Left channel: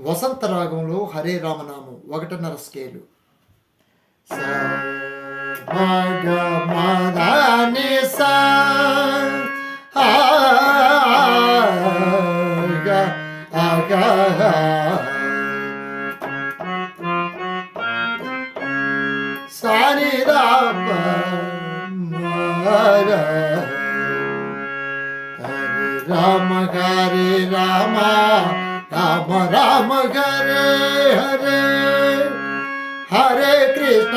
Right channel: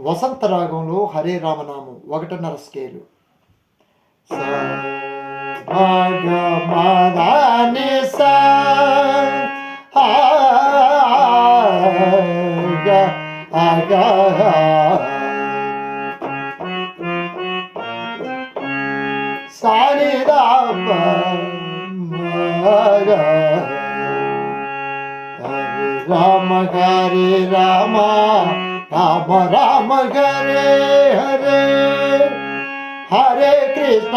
వసంత రాగంలో హరే రామనామం 1.5 స్కేలు. సా మా గ మా దా ని సా ఆ గ ఆ గ సా ని దా ప మా ర రామ హరే రామ రామ రామ హరే హరే హరే కృష్ణ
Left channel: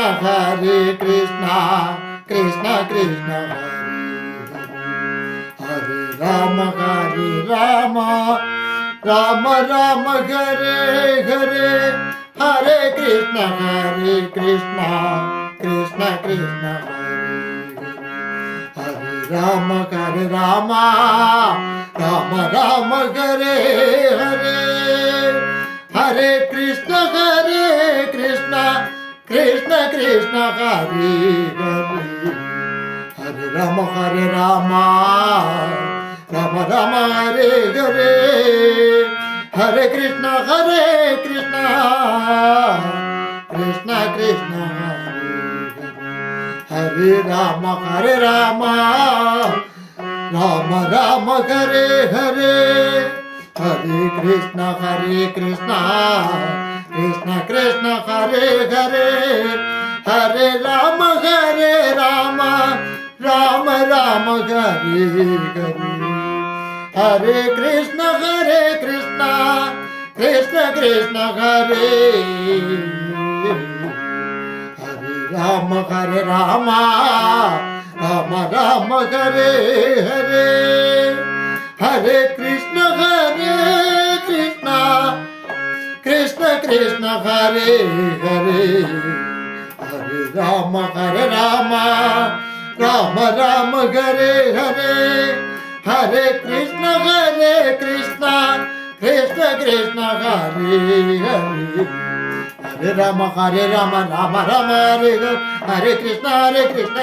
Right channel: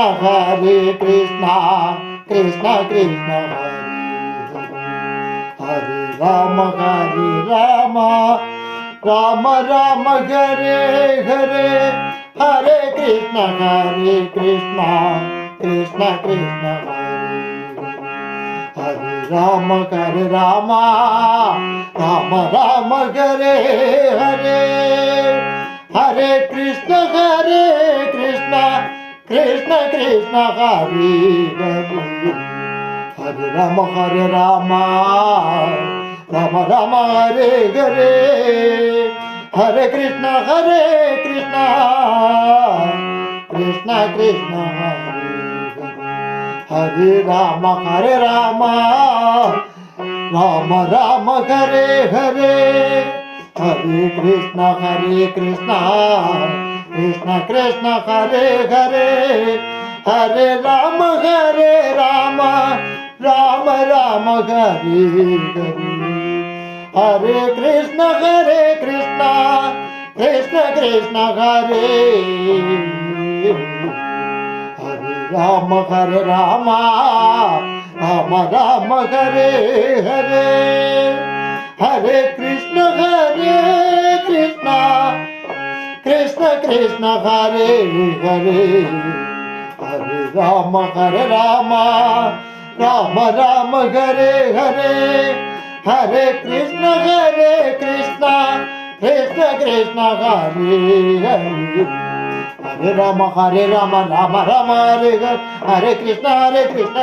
కృష్ణ కృష్ణ హరే హరే రామ రామ రామ రామ హరే హరే హరే కృష్ణ కృష్ణ కృష్ణ హరే హరే రామ రామ రామ రామ హరే హరే హరే కృష్ణ కృష్ణ కృష్ణ హరే హరే హరే రామ రామ రామ రామ హరే హరే హరే కృష్ణ కృష్ణ కృష్ణ హరే హరే రామ రామ రామ రామ హరే హరే హరే కృష్ణ కృష్ణ కృష్ణ హరే హరే హరే రామ రామ రామ రామ హరే హరే హరే కృష్ణ కృష్ణ హరే హరే రామ రామ రామ రామ హరే హరే హరే కృష్ణ కృష్ణ హరే హరే హరే రామ రామ రామ రామ హరే హరే హరే కృష్ణ కృష్ణ హరే హరే హరే రామ రామ రామ హరే హరే కృష్ణ కృష్ణ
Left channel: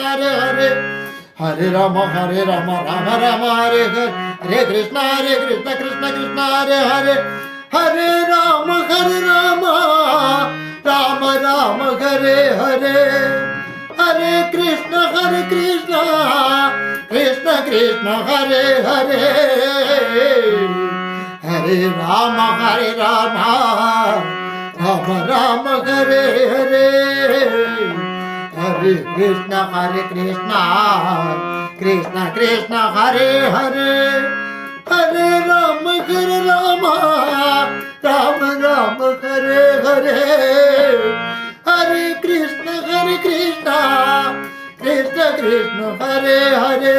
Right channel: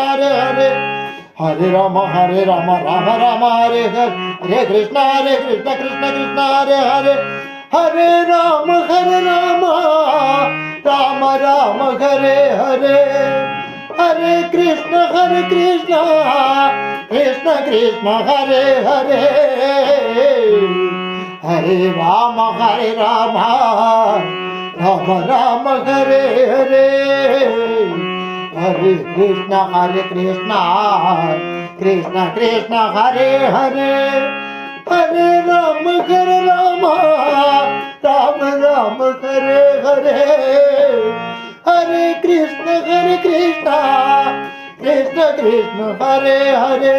హరే హరే హరే రామ రామ రామ హరే హరే కృష్ణ కృష్ణ హరే హరే హరే రామ రామ రామ హరే హరే హరే కృష్ణ కృష్ణ హరే హరే హరే రామ రామ రామ హరే హరే హరే కృష్ణ కృష్ణ హరే హరే హరే రామ రామ రామ హరే హరే హరే కృష్ణ కృష్ణ హరే హరే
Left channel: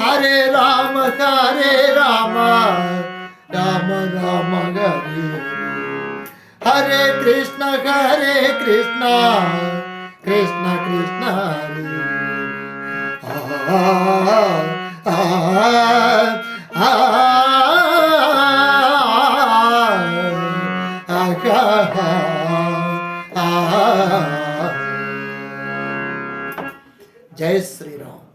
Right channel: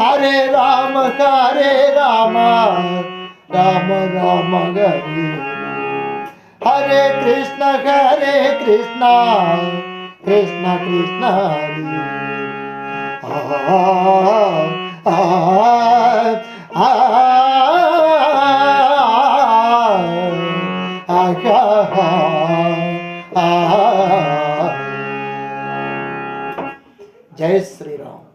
హరే రామ రామ రామ హరే హరే కృష్ణ కృష్ణ హరే జై శ్రీరామ్.